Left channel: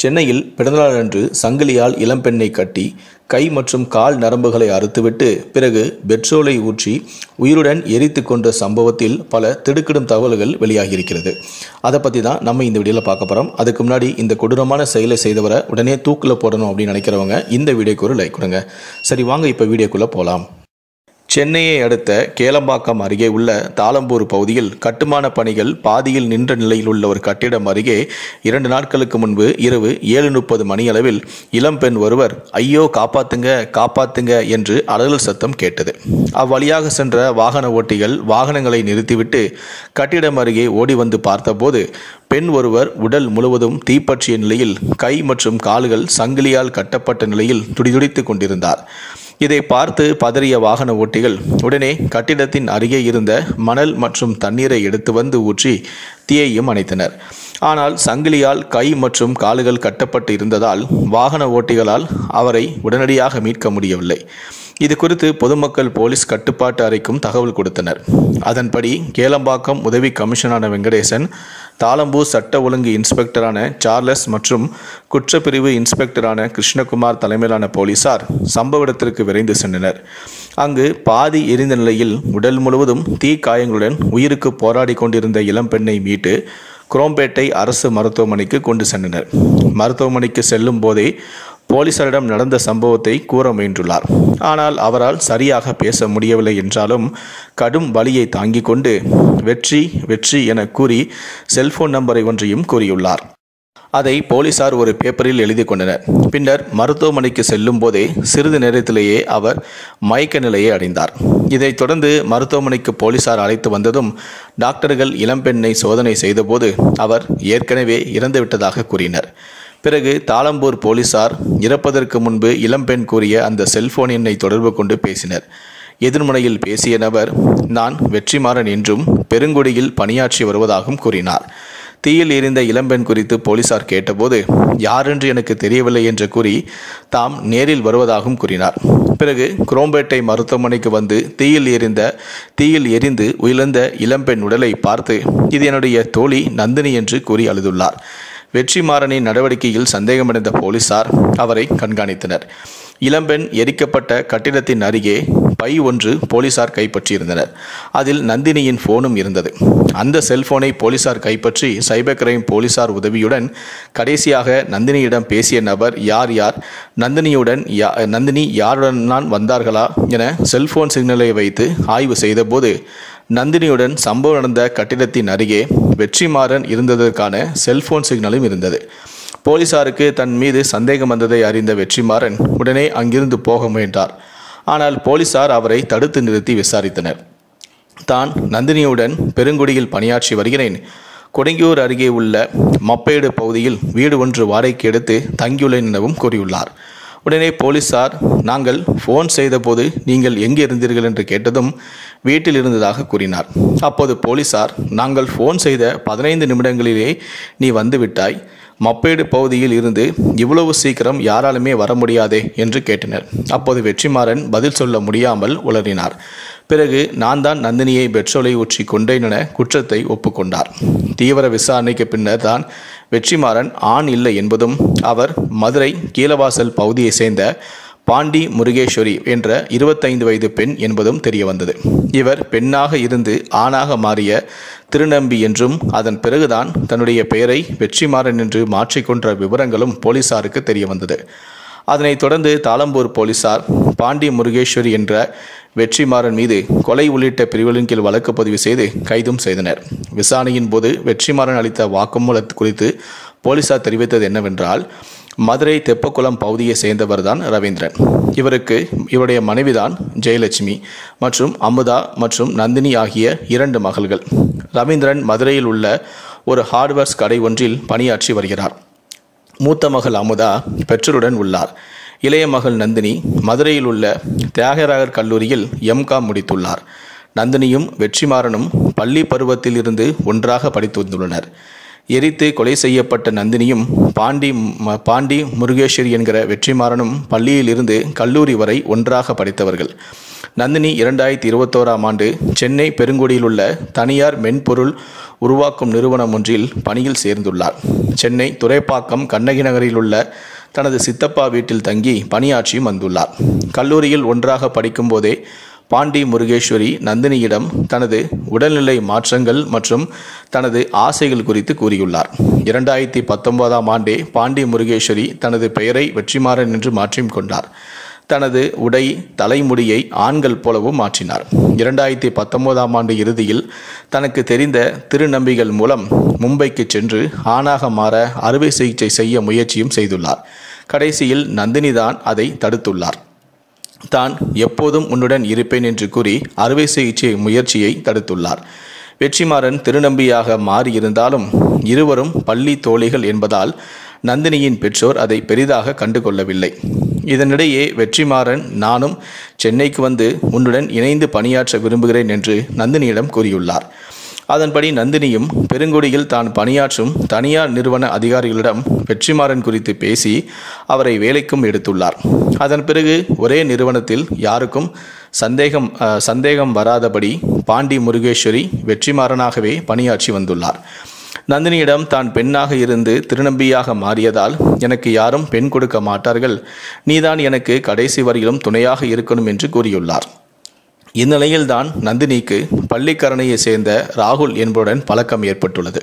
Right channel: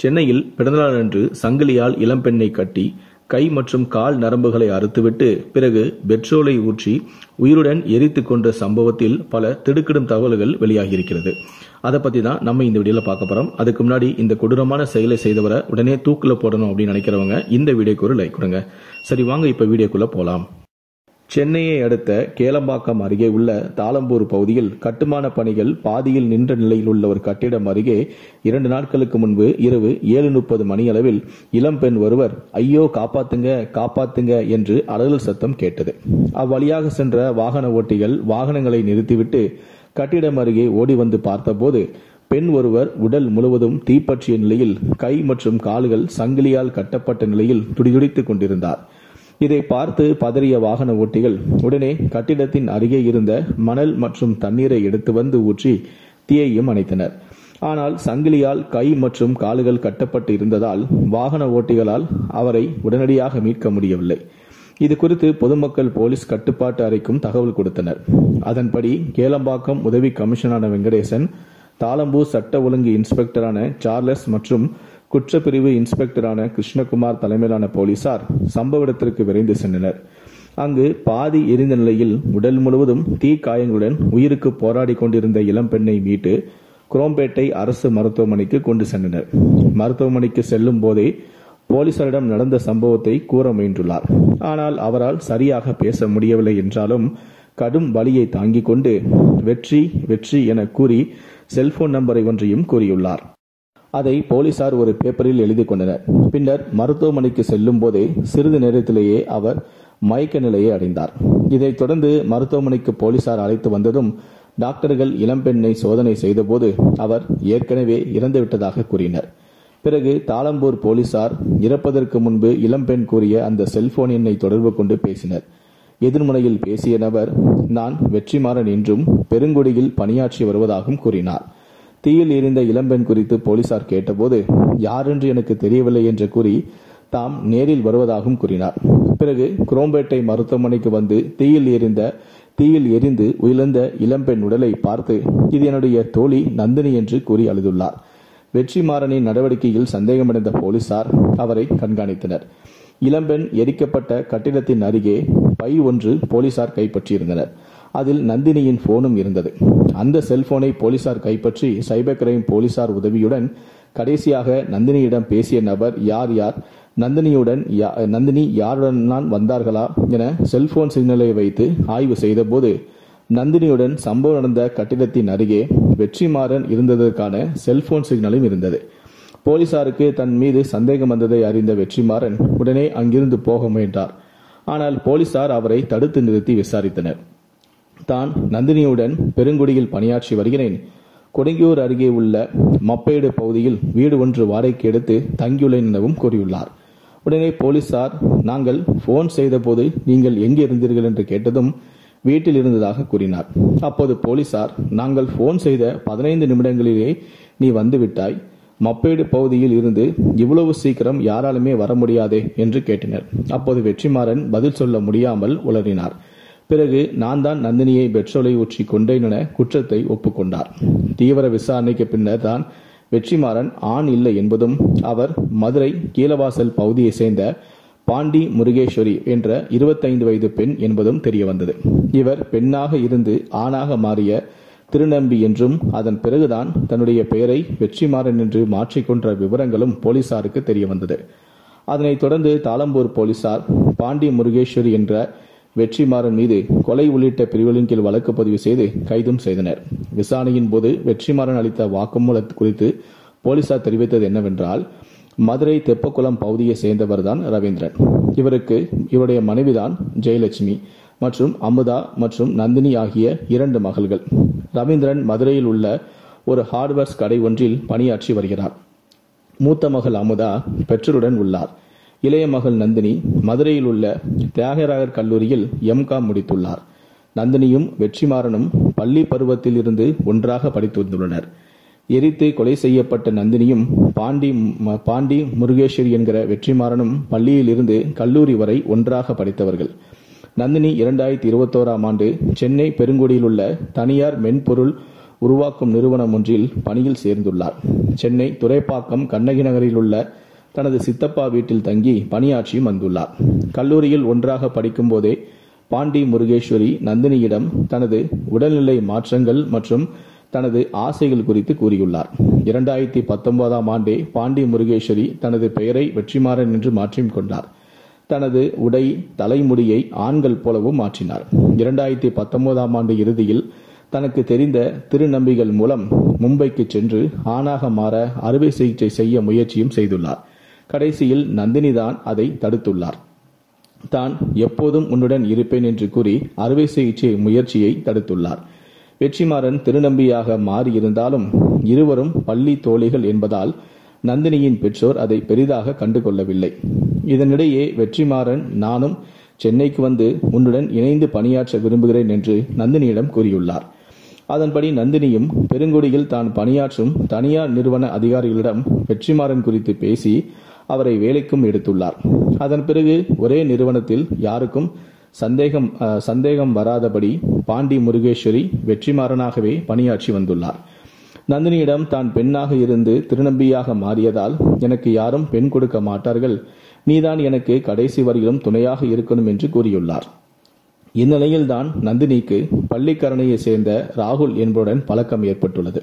சென்னையில் பிறந்தநாளன்று சங்கிலியால் இளம்பெண்ணை கட்டி கை மற்றும் கால் நரம்புகளை அறுத்துவிட்டு பிறகு பெட்ரோலை ஊற்றி உயிருடன் எரித்து கொன்ற சம்பவத்தில் பல திடுக்கிடும் தகவல்கள் வெளியாகியிருக்கிறது. அதை பற்றி தான் நம்ம இந்த வீடியோவில் பார்க்க போகிறோம். அதுக்கு முன்னாடி இந்த கொடூரமான செயலை செய்தவரை உடனே தூக்கில் போடணும் அப்படின்னு நினைக்கிறவங்க இந்த வீடியோக்கு ஒரு லைக் கொடுங்க. சரி, வாங்க இப்போ வீடியோக்குள்ளே போகலாம். சென்னையை அடுத்த கேளம்பாக்கம் அருகே உள்ள தாளம்பூர் பகுதியில் கட்டுமான பணிகள் பாதியில் நின்ற நிலையில் உள்ள ஒரு கட்டிடம் அருகே 2 நாட்களுக்கு முன்பு இரவு 7:30 மணியளவில் இளம்பெண் ஒருவர் ஐயோ காப்பாத்துங்க காப்பாத்துங்க என்று அலறல் சத்தம் கேட்டது. அவ்வழியாக சென்ற வாகன ஓட்டிகள் வாகனங்களை நிறுத்திவிட்டு கட்டிடம் அருகே ஓடி வந்து பார்த்தபோது பெண் ஒருவர் உடல் முழுவதும் தீப்பற்றிய நிலையில் கை மற்றும் கால்கள் சங்கிலியால் கட்டப்பட்ட நிலையில் துடிதுடித்து கொண்டிருந்தார். இதை பார்த்து பதறிய வாகன ஓட்டிகள் உடனே கட்டிடத்தின் அருகே இருந்த மணல் மற்றும் தண்ணீரை எடுத்து வந்து ஊற்றி தீயையும் அணைத்தனர். ஆனால் சங்கிலியால் கை மற்றும் கால்கள் கட்டப்பட்டு இருந்ததால் வாகன ஓட்டிகளால் அவரை உடனடியாக மீட்க முடியவில்லை. இது குறித்து பொதுமக்கள் போலீஸ் கட்டுப்பாட்டு அறைக்கும் தகவல் கொடுத்தனர். அதன்படி கேளம்பாக்கம் உதவி கமிஷனரான வெங்கடேசன், தாளம்பூர் சட்ட ஒழுங்கு இன்ஸ்பெக்டரான சார்லஸ் மற்றும் குற்றப்பிரிவு இன்ஸ்பெக்டரான கிருஷ்ணகுமார் தலைமையிலான போலீசார் சம்பவ இடத்திற்கு விரைந்து சென்றனர். அங்கு பாதி எரிந்த நிலையில் உடல் முழுவதும் தீ காயங்களுடன் உயிருக்கு போராடி கொண்டிருந்த இளம்பெண்ணை மீட்டு குரோம்பேட்டை அரசு மருத்துவமனைக்கு கொண்டு சென்றனர். மருத்துவமனைக்கு செல்லும் போதே போலீசாரிடம் நடந்த சம்பவத்தை கூற முயன்றுள்ளார். ஆனால் அவரால் சரியாக பேச முடியவில்லை என்றாலும் கடும் வலியை தாங்கிக் கொண்டு வெற்றி வெற்றி என கூறி செல்போன் நம்பரை ஒன்றையும் கூறியுள்ளார். அதை போலீசார் ஒரு பேப்பரில் எழுதி கொண்டனர். பின்னர் மருத்துவமனைக்கு செல்லும் போதே சிறிது நேரத்திலேயே அவர் மயக்க நிலையை அடைந்தார். இதைத் தொடர்ந்து மருத்துவமனைக்கு போலீசார் அழைத்து வந்ததும் டாக்டர்கள் இளம்பெண்ணை சோதனை செய்தபோது அவர் ஏற்கனவே இறந்துவிட்டதாக கூறினர். பிறகு தாளம்பூர் போலீசார் இறப்பதற்கு முன்பு இளம்பெண் கூறிய அந்த செல்போன் எண்ணை தொடர்பு கொண்டு பேசினர். எதிர்முனையில் பேசிய நபர் நான் வெற்றிமாறன் என்றும் பெருங்குடியில் பணியாற்றி வருவதாகவும் கூறினார். தீயில் எரிந்த இளம்பெண் குறித்து போலீசார் கேட்டபோது யாரென்று எனக்கு தெரியவில்லை என்று கூறி தாம் நேரில் வருவதாகவும் கூறினார். பிறகு குரோம்பேட்டை மருத்துவமனைக்கு வந்து தீயில் எரிந்து உயிர்ந்த இளம்பெண் உடலை பார்த்து இது என்னுடைய தோழி நந்தினி என்று கூறி அழுதுள்ளார். வெற்றிமாறனின் நடவடிக்கையில் சந்தேகமடைந்த போலீசார் அவரை கண்காணித்தனர். இளம்பெண் எரிக்கப்பட்ட கட்டிடத்தின் அருகே பை ஒன்று போலீசார் கைப்பற்றியிருந்தனர். அதில் நந்தினியின் போனும் இருந்தது. அந்த செல்போனை போலீசார் கைப்பற்றி சைபர் கிரைம் போலீசார் உதவியுடன் கடைசியாக நந்தினியிடம் பேசிய நபர் யார் நந்தினி யாருடன் வந்தார்களா என செல்போன் சிக்னலை வைத்து ஆய்வு செய்தபோது நந்தினியுடன் சம்பவம் நடந்த கட்டிடத்தின் அருகே வெற்றிமாறன் இருந்ததற்கான செல்போன் சிக்னலும் இருந்தது. போலீசாருக்கு தன் மீது சந்தேகம் வந்ததை அறிந்த வெற்றிமாறன் உடனே அங்கிருந்து போக முயன்றார். ஆனால் போலீசார் அவரை தடுத்து நிறுத்தி விசாரித்தனர். தான் நந்தினியுடன் பெருங்குடியில் பணியாற்றி வருகிறேன், கொடுங்கியூர் அருகே உள்ள மப்பேடு பகுதியில் வீடு ஒன்று வாடகைக்கு எடுத்து தங்கியுள்ளேன் எனவும் கூறியுள்ளார். உடனே போலீசார் நாங்கள் ஃபோன் செய்தபோது நீங்கள் எங்கே இருந்தீர்கள் என்று கேட்டதும் வீட்டில் இருந்ததாக கூறினார். அப்போது போலீசார் நாங்கள் ஃபோன் செய்த 15 நிமிடங்களிலே நீ வந்துவிட்டாய், மப்பேடு பகுதியில் இருந்து இவ்வளவு சீக்கிரம் யாராலுமே வர முடியாதே என்று கேட்டனர். அப்போது வெற்றிமாறன் பதில் சொல்ல முடியாமல் உளறினார். பிறகு நான் தான் நந்தினியை பெட்ரோலை ஊற்றி கொண்டேன் என குற்றத்தை ஒப்புக்கொண்டார். தீவிர விசாரணைக்கு பின்னர் தான் வெற்றிமாறன் ஆண் இல்லை என்பதும் அவர் மதுரை கீழவாசல் பகுதியை சேர்ந்த பாண்டி முருகேஸ்வரி என்ற 25 வயது பெண் என்பதும் தெரிய வந்தது. இவர் பெண்ணாக இருந்து ஆணாக மாறிய திருநம்பி என்றும் அதன் பிறகுதான் தன்னுடைய பெயரை வெற்றிமாறன் என்று மாற்றிக்கொண்ட விவரங்களும் போலீசாருக்கு தெரிய வந்தது. அதனைத் தொடர்ந்து தாளம்பூர் போலீசார் பாண்டி முருகேஸ்வரி என்ற வெற்றிமாறன் மீது கொலை உள்ளிட்ட பிரிவுகளின் கீழ் வழக்கு பதிவு செய்து கைதும் செய்தனர். விசாரணையின் போது வெற்றிமாறன் அளித்த வாக்குமூலம் குறித்து போலீசார் தெரிவித்தது என்னவென்றால் மதுரை தெப்பக்குளம் பகுதியை சேர்ந்தவர்தான் ரவீந்திரன். இவருடைய மனைவிதான் ஜெயலட்சுமி மற்றும் அமுதா மற்றும் நந்தினி ஆகிய 2 மகள்கள். ரவீந்திரன் மதுரையில் உள்ள ஒரு ஹார்ட்வேர்ஸ் கடை ஒன்றில் பணியாற்றி வருகிறார். மூத்த மகள் அமுதா பெற்றோருடன் உள்ளார். இளைய மகள் நந்தினி மதுரையில் உள்ள தியாகராயர் கல்லூரியில் எம்காம் முடித்துள்ளார். நந்தினியும் வெற்றிமாறனும் பள்ளி பருவத்தில் இருந்து ஒன்றாக படித்து வந்துள்ளனர். எரித்து கொலை செய்யப்பட்ட நந்தினியும் பாண்டி முருகேஸ்வரி என்கிற வெற்றிமாறனும் பள்ளியில் இருந்து கல்லூரி வரை ஒன்றாக படித்தவர்கள். நந்தினி 2021ஆம் ஆண்டு சென்னை பெருங்குடியில் உள்ள தனியார் மென்பொருள் உருவாக்கும் நிறுவனம் ஒன்றில் பணியில் சேர்ந்துள்ளார். சென்னை துரைப்பாக்கம் கண்ணகி நகரில் உள்ள தனது சித்தப்பா வீட்டில் தங்கி பணியாற்றியும் வந்துள்ளார். கல்லூரியில் ஒன்றாக படிக்கும்போதே பாண்டி முருகேஸ்வரி நந்தினியிடம் தனது உடல்நிலை மாற்றங்கள் மற்றும் தனது ஆசைகள் குறித்து கூறியுள்ளார். 2019ஆம் ஆண்டே பாண்டி முருகேஸ்வரி தனது பெயரை வெற்றிமாறன் என்று மாற்றிக் கொண்டார். தனது உடை தலைமுடியை ஆண்கள் போலவும் மாற்றினார். 2019ஆம் ஆண்டு இறுதியில் தனக்கு தெரிந்த திருநம்பிகள் மூலம் மும்பைக்கு சென்று ஆணாக மாற அறுவை சிகிச்சை செய்ய முயற்சியும் செய்துள்ளார். கடைசியில் நந்தினி தான் அதை தடுத்துள்ளார். தான் எப்போதும் உன்னுடன் இருப்பேன் என்று கூறி அறுவை சிகிச்சை முயற்சியை தடுத்துள்ளார். வெற்றிமாறன் திருநம்பியாக மாறியிருந்தாலும் இருவரும் பள்ளி தோழிகள் என்பதால் நந்தினியின் பெற்றோர் அதை பெரிதாக கண்டுகொள்ளவில்லை. இதனிடையே வெற்றிமாறன் நானும் சென்னைக்கு வந்து உன்னுடன் இணைந்து பணியாற்ற விரும்புகிறேன் என்று நந்தினியிடம் கூறியுள்ளார். அதன்படி நந்தினியும் பெருங்குடியில் தான் பணியாற்றும் தனியார் நிறுவன அதிகாரிகளிடம் வெற்றிமாறன் குறித்து பேசி அவரை வேலைக்கும் எடுத்துள்ளார். அதன் பிறகு ஒரே நிறுவனத்தில் யாருக்கும் சந்தேகம் வராதபடி பாண்டி முருகேஸ்வரி வெற்றிமாறனாகவே பணியாற்றி வந்துள்ளார். நந்தினியிடம் தான் பெண்ணாக இருந்து திருநம்பியாக மாறியதால் எனக்கு யாரும் பெண் கொடுக்க மாட்டார்கள், நீதான் எனக்கு கடைசி வரையிலும் துணையாக இருக்கணும் என்று கூறியுள்ளார். இந்நிலையில்தான் நந்தினிக்கு பள்ளிக்கரணையை சேர்ந்த ராகுல் என்பவருடன் பழக்கம் ஏற்பட்டுள்ளது.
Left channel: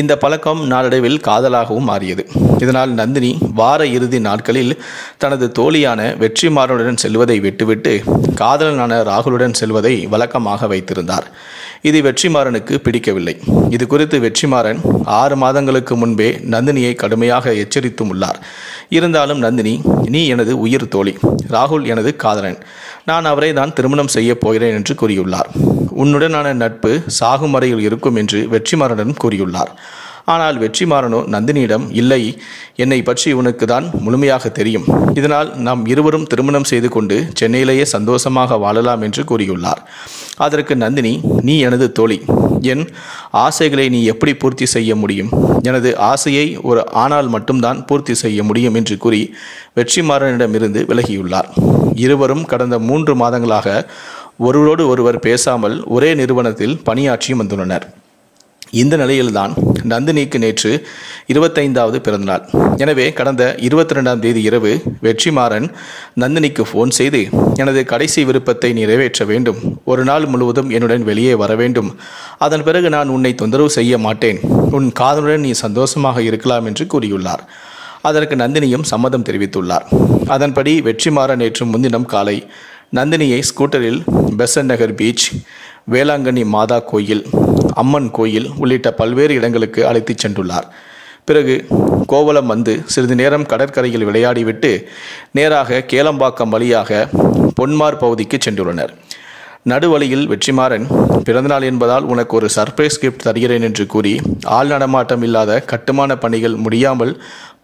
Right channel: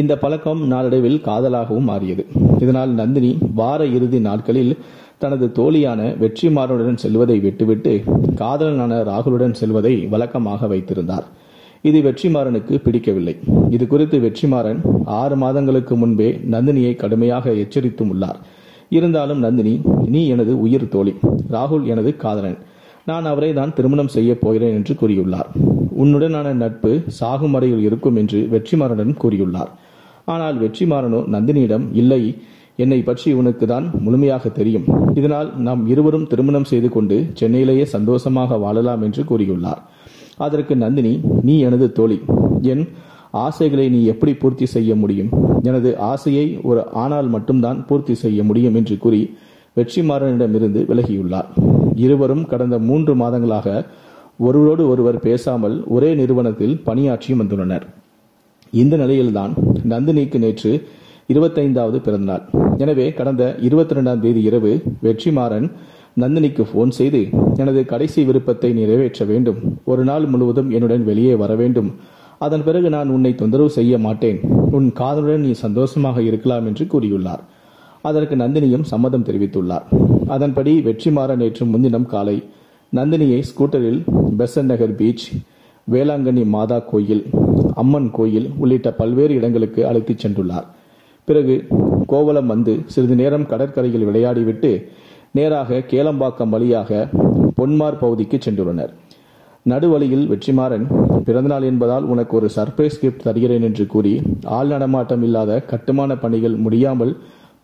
இந்த பழக்கம் நாளடைவில் காதலாகவும் மாறியது. இதனால் நந்தினி வார இறுதி நாட்களில் தனது தோழியான வெற்றிமாறனுடன் செல்வதை விட்டுவிட்டு காதலனான ராகுலுடன் செல்வதை வழக்கமாக வைத்திருந்தார். இது வெற்றிமாறனுக்கு பிடிக்கவில்லை. இது குறித்து வெற்றிமாறன் 6 மாதங்களுக்கு முன்பே நந்தினியை கடுமையாக எச்சரித்தும் உள்ளார். இருந்தாலும் நந்தினி, நீ எனது உயிர் தோழி, ராகுல் எனது காதலன், நான் அவரை தான் திருமணம் செய்ய போகிறேன் என்று கூறியுள்ளார். உன்னுடனான நட்பு சாகும் வரையில் இருக்கும் என்று வெற்றிமாறனிடம் கூறியுள்ளார். ஆனால் வெற்றிமாறனோ நந்தினியிடம், இல்லை, என்னை பற்றி உனக்கு தான் முழுமையாக தெரியும், இதனால் நாம் இருவரும் திருமணம் செய்து கொண்டு சென்னையிலேயே சந்தோஷமாக வாழலாம் என்று கூறியுள்ளார். அதற்கு நந்தினி, நீ எனது தோழி, என் ஆசைகளை நீ எப்படி பூர்த்தி செய்ய முடியும்? எனது ஆசையை ஒரு ஆணால் மட்டும்தான் பூர்த்தி செய்ய முடியும் என்று கூறி வெற்றிமாறனிடமிருந்து விலகியுள்ளார். இருவரும் கடந்த 3 மாதங்களாக ஒருவரோடு ஒருவர் பேசாமல் ஒரே நிறுவனத்தில் பணியாற்றி வந்துள்ளனர். இந்த நிலையில்தான் நந்தினிக்கு நேற்று 25வது பிறந்தநாள். எனவே கடந்த 22ஆம் தேதி இரவு வெற்றிமாறன் நந்தினிக்கு ஃபோன் செய்து, எனது கடைசி விருப்பத்தை நிறைவேற்ற வேண்டும், ஒரு நாள் முழுவதும் என்னுடன் வெளியே வர வேண்டும், அதன் பிறகு நான் உன்னை தொந்தரவு செய்ய மாட்டேன், உன் காதலுடன் நீ சந்தோஷமாக இருக்கலாம் என்று கூறியுள்ளார். அதற்கு நந்தினியும் சம்மதம் தெரிவித்துள்ளார். அதன்படி வெற்றிமாறன் நேற்று முன்தினம் காலை நந்தினியை ஸ்கூட்டரில் பெசன்ட் நகர் பீச், வேளாங்கண்ணி மாதா கோயில், அம்மன் கோயில் உள்ளிட்ட பல்வேறு இடங்களுக்கு அழைத்துச் சென்றுள்ளார். பிறகு கோவளம் வந்து சிறிது நேரம் கடற்கரையில் விளையாடிவிட்டு நேராக கேளம்பாக்கம் வழியாக பொன்மார் பகுதிக்கு சென்றுள்ளனர். நடுவழியில் வெற்றிமாறன், பிறந்தநாள் என்பதால் உனக்கு ஒரு சர்ப்ரைஸ் கிஃப்ட் தருகிறேன் என்று கூறி ஆள் நடமாட்டம் இல்லாத கட்டுமான பணிகள் முடியாமல்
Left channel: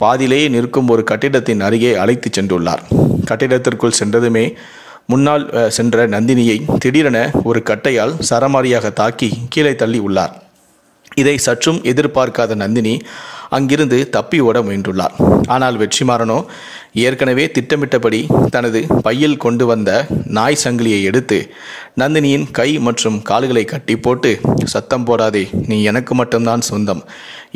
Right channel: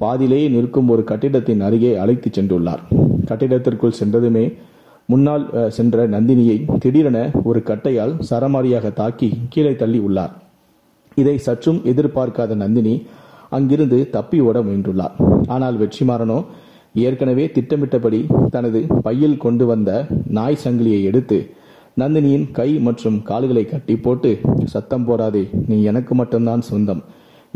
பாதியிலேயே நிற்கும் ஒரு கட்டிடத்தின் அருகே அழைத்துச் சென்றுள்ளார். கட்டிடத்திற்குள் சென்றதுமே முன்னால் சென்ற நந்தினியை திடீரென ஒரு கட்டையால் சரமாரியாக தாக்கி கீழே தள்ளி உள்ளார். இதை சற்றும் எதிர்பார்க்காத நந்தினி அங்கிருந்து தப்பி ஓட முயன்றுள்ளார். ஆனால் வெற்றிமாறனோ ஏற்கனவே திட்டமிட்டபடி தனது பையில் கொண்டு வந்த நாய் சங்கிலியை எடுத்து நந்தினியின் கை மற்றும் கால்களை கட்டி போட்டு, சத்தம் போடாதே, நீ எனக்கு மட்டும்தான் சொந்தம்,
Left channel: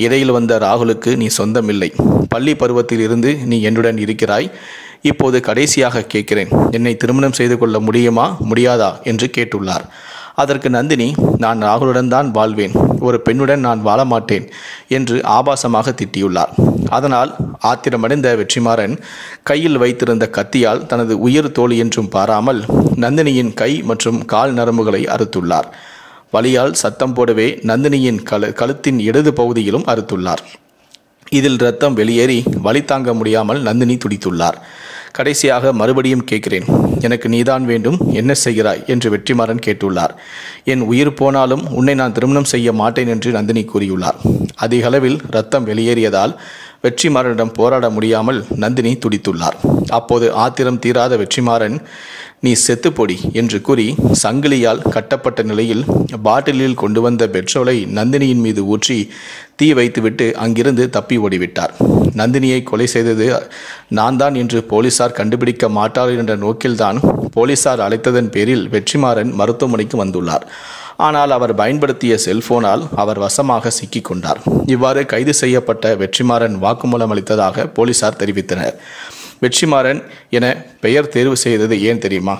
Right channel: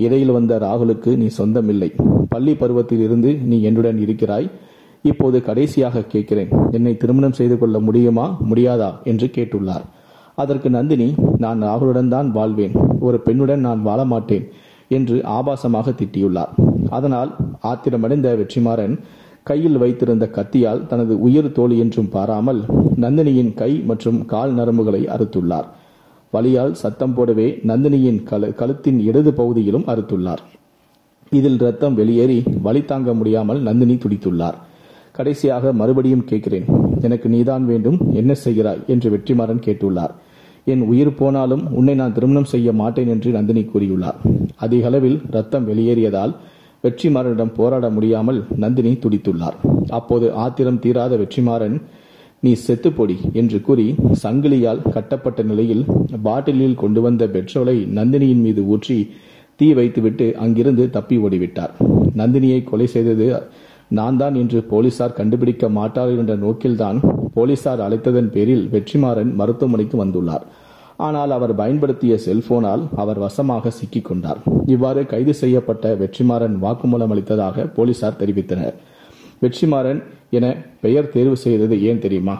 இடையில் வந்த ராகுலுக்கு நீ சொந்தமில்லை, பள்ளி பருவத்தில் இருந்து நீ என்னுடன் இருக்கிறாய், இப்போது கடைசியாக கேட்கிறேன், என்னை திருமணம் செய்து கொள்ள முடியுமா முடியாதா என்று கேட்டுள்ளார். அதற்கு நந்தினி, நான் ராகுலுடன் தான் வாழ்வேன், ஒரு பெண்ணுடன் நான் வாழ மாட்டேன் என்று ஆபாசமாக திட்டியுள்ளார். அதனால் ஆத்திரமடைந்த வெற்றிமாறன் கையில் வைத்திருந்த கத்தியால் தனது உயிர் தோழி என்றும் பாராமல் நந்தினியின் கை மற்றும் கால் நரம்புகளை அறுத்துள்ளார். வலியால் சத்தம் போடவே நந்தினியின் கழுத்தின் இடது பகுதியிலும் அறுத்துள்ளார். இதில் இரத்தம் வெளியேறி வலி தாங்க முடியாமல் நந்தினி துடித்துள்ளார். கடைசியாக மறுபடியும் கேட்கிறேன், எனக்கு நீதான் வேண்டும், என்ன செய்கிறாய் என்று வெற்றிமாறன் கேட்டுள்ளார். என் உயிர் போனாலும் உன்னை நான் திருமணம் செய்ய மாட்டேன் என்று நந்தினி கூறியுள்ளார். அதிக அளவில் இரத்தம் வெளியேறியதால் வெற்றிமாறனிடம் போராட முடியாமல் நந்தினி துடித்துள்ளார். அப்போது ஆத்திரம் தீராத வெற்றிமாறன், நீ செத்துப்பொடி என்று கூறி சங்கிலியால் கட்டப்பட்ட நிலையில் பாட்டிலில் கொண்டு வந்த பெட்ரோலை நந்தினியின் மீது ஊற்றி தீ வைத்துவிட்டு அங்கிருந்து தப்பி ஓடிவிட்டார். நந்தினியை கொலை செய்தது நான் தான் என்று போலீசார் கண்டுபிடிக்க மாட்டார்கள் என்ற நோக்கில்தான் போலீசார் அழைத்ததன் பேரில் வெற்றிமாறன் மருத்துவமனைக்கு வந்துள்ளார். ஆனால் அவர் பயன்படுத்திய செல்போனால் அவர் வசமாக சிக்கிக் கொண்டார். இவ்வாறு கைது செய்யப்பட்ட வெற்றிமாறன் வாக்குமூலம் அளித்ததாக போலீசார் தெரிவித்தனர். வெற்றிமாறன் என பெயர் தேர்வு செய்தது ஏன் தெரியுமா?